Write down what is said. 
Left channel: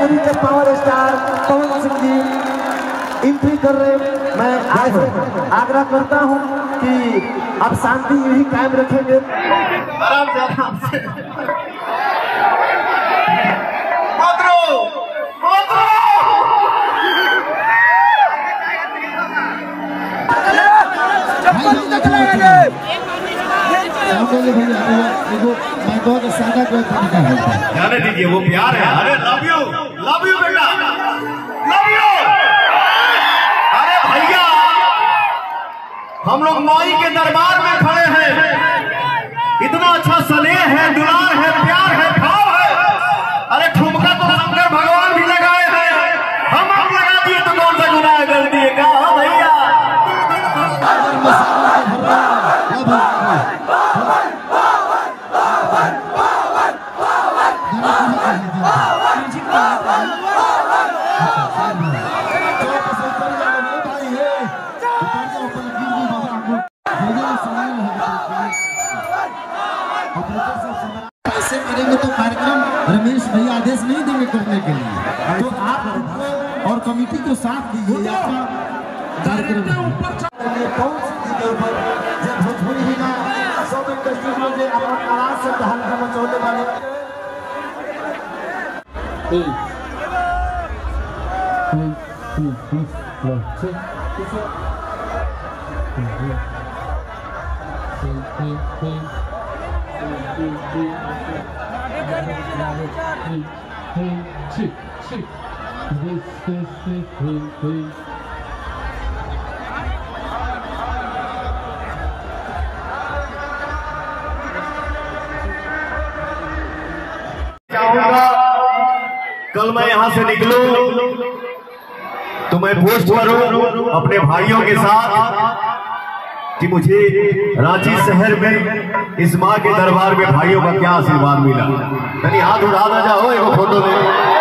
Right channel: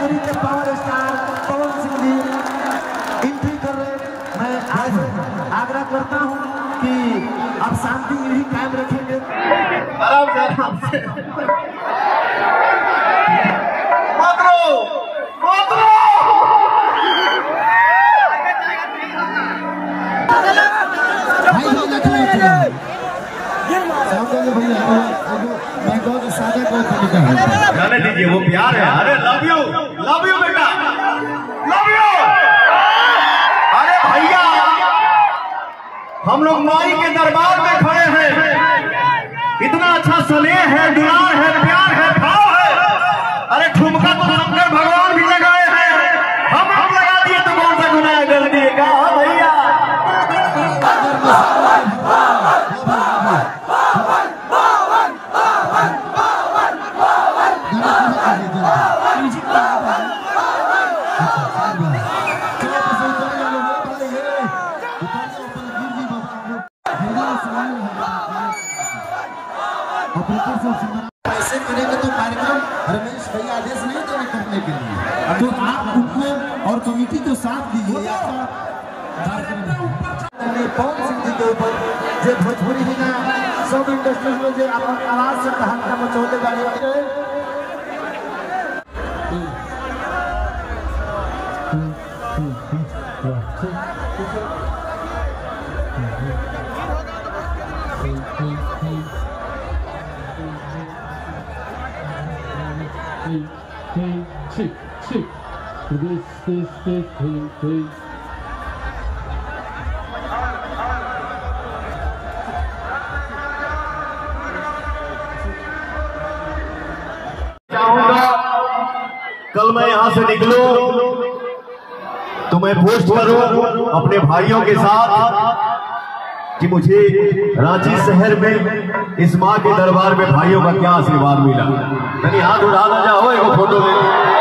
भोजपुरी के power star Pawan Singh ji entry कर रहे। मैं आपसे आग्रह करता हूं कि आप शांति यही कायम रखेंगे। आराम से आराम से। जाने दीजिए, वो प्यार है। अरे लव यू बेटा, लव यू। अरे भैया, हम लोग माई के दरबार में खड़े हैं। इतना अच्छा स्नेह है, दुलार है, प्यार है, भाव है। अरे ठुमका तो शंकर भगवान भी लगाए हैं, हम लगा दिए तो कौन सा गुनाह कर दिए का भैया। ऐसे करेंगे तो कार्यक्रम रमेश भैया आदेश नहीं देंगे करने के लिए, तो आप उनको और कमेटी को साथ दीजिए। कार्यक्रम पवन सिंह जी के ऊपर जो भोजपुरी ही ना सब इंडस्ट्री में जो अपन आवाज से तहलका मचौने वाले चाहूंगा कल मैं यहाँ से निकलूं तो मैं पोस्ट करूं अपने भाइयों के साथ कि मुझे रांची शहर में इस माँ के दरबार में भाइयों का क्या आशीर्वाद मिला। यानी हाथ उड़ा जाओ फोटो में।